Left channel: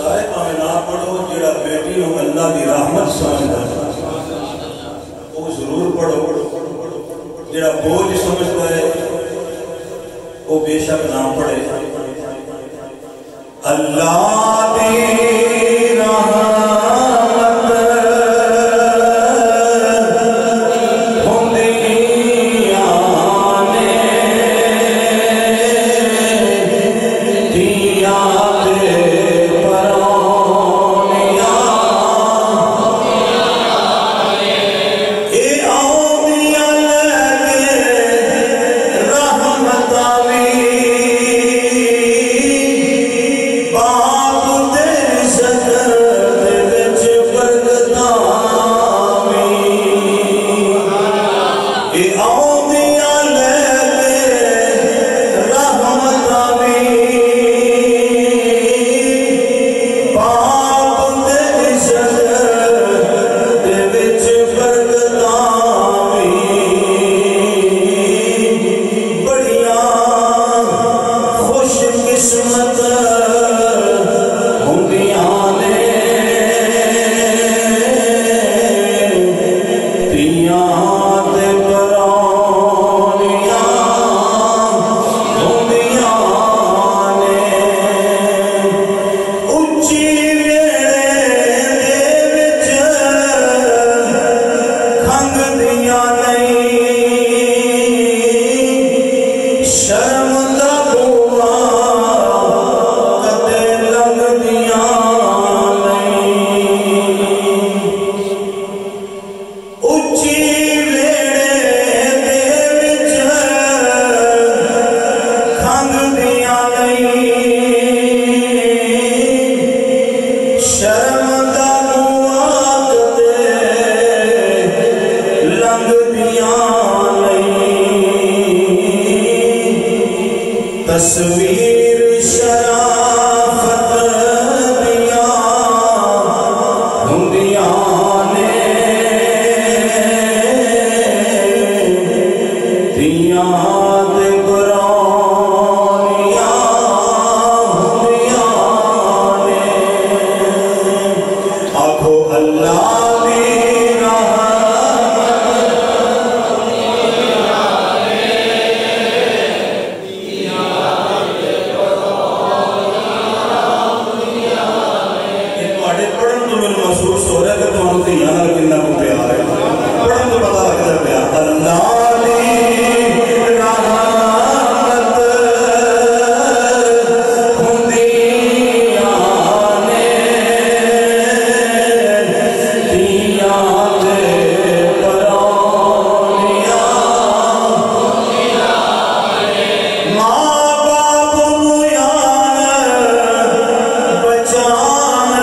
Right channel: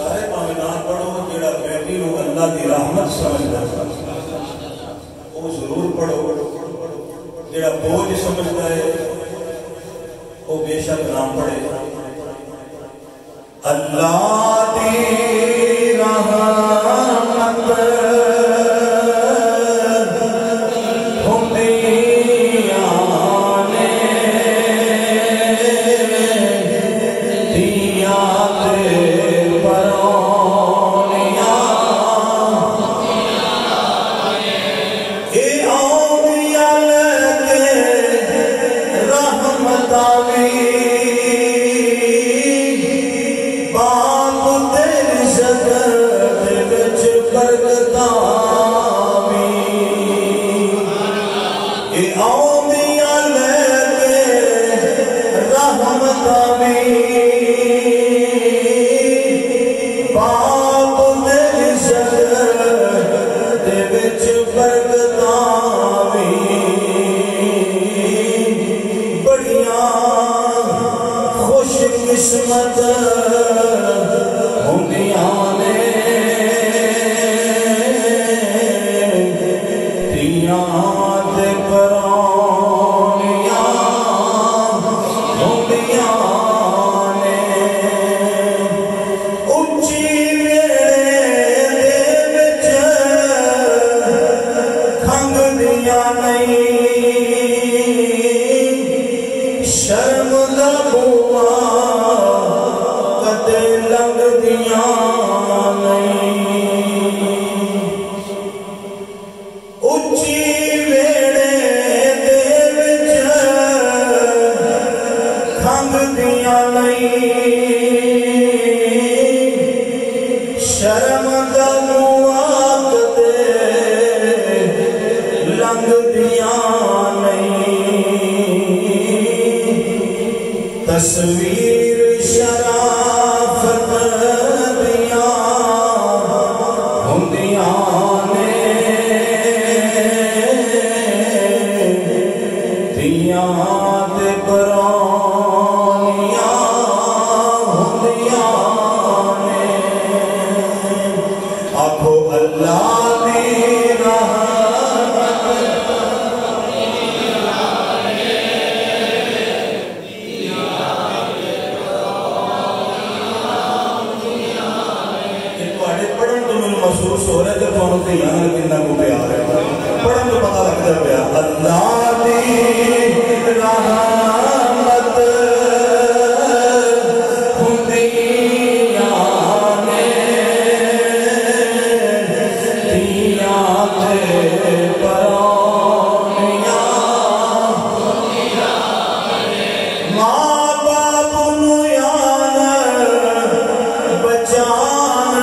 सारे भावे ना पढ़ो, जेड़ा बेटी को अल्लाह की रहमत समझदा वो जरूर पढ़ो, जेड़ा बोझ समझता है वो बेशक ना पढ़े। अल्लाह दी रहमत हुंदियां ने दिया ते परौनियां, ए औलिया लगे रहमतां वी बाप तेरी शक्ल विच बरकतां वी, ए औलिया लगे रहमतां वी बाप तेरी शक्ल विच बरकतां वी, बड़ियां खुशकिस्मत हुंदियां ने दियां ते परौनियां हुंदियां ने। उच्ची वेले दे विच खंघदियां नहीं, शर्म दा बुआ कदे लंघदियां नहीं। उच्ची वेले दे विच खंघदियां नहीं, शर्म दा बुआ कदे लंघदियां नहीं। तस्वीर शराफत दियां हुंदियां ने दियां ते परौनियां हुंदियां ने। आखो अल्लाह दी पढ़न तो मैं महसूस हो रहा है कि तुहानू धियां नाल कितना को प्यार है। पढ़न तो पता लगता पिया अल्लाह दी रहमत हुंदियां ने दियां ते परौनियां, मां बाप नू यार बचानगियां,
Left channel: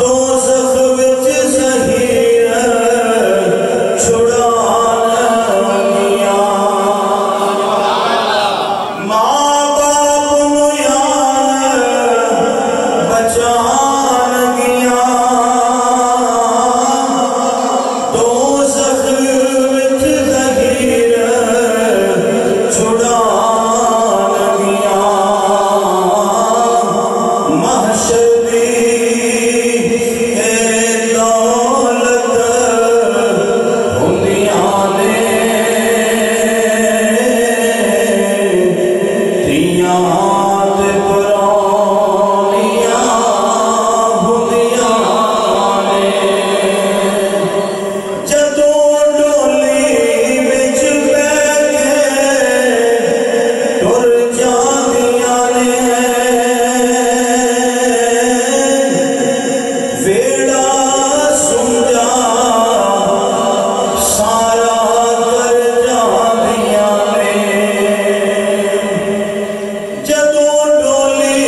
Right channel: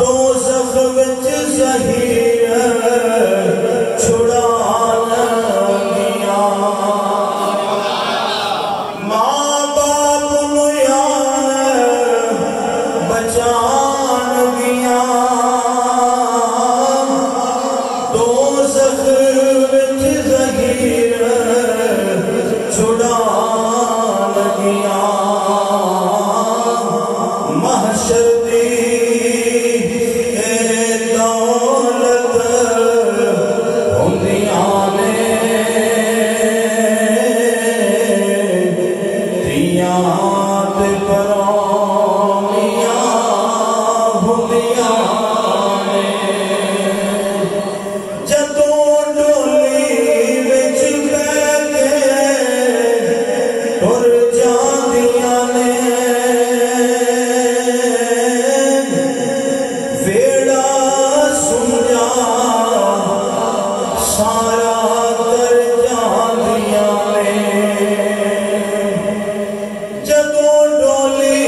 दोज़ख विच ज़हीर छुड़ानगियां। मां बाप नू यार बचानगियां, दोज़ख विच ज़हीर छुड़ानगियां। महशर दी ए दौलत हुंदियां ने दियां ते परौनियां हुंदियां ने। जदों डोली विच बैठ के टुर जांदियां ने, वेड़ा सुंजा सारा कर जांदियां ने। जदों डोली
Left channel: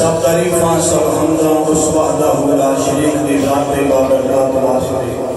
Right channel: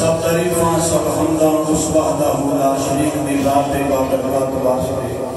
सब तारीफां सब हमदा उस वहदा ला शरीक दी जात ते बाबर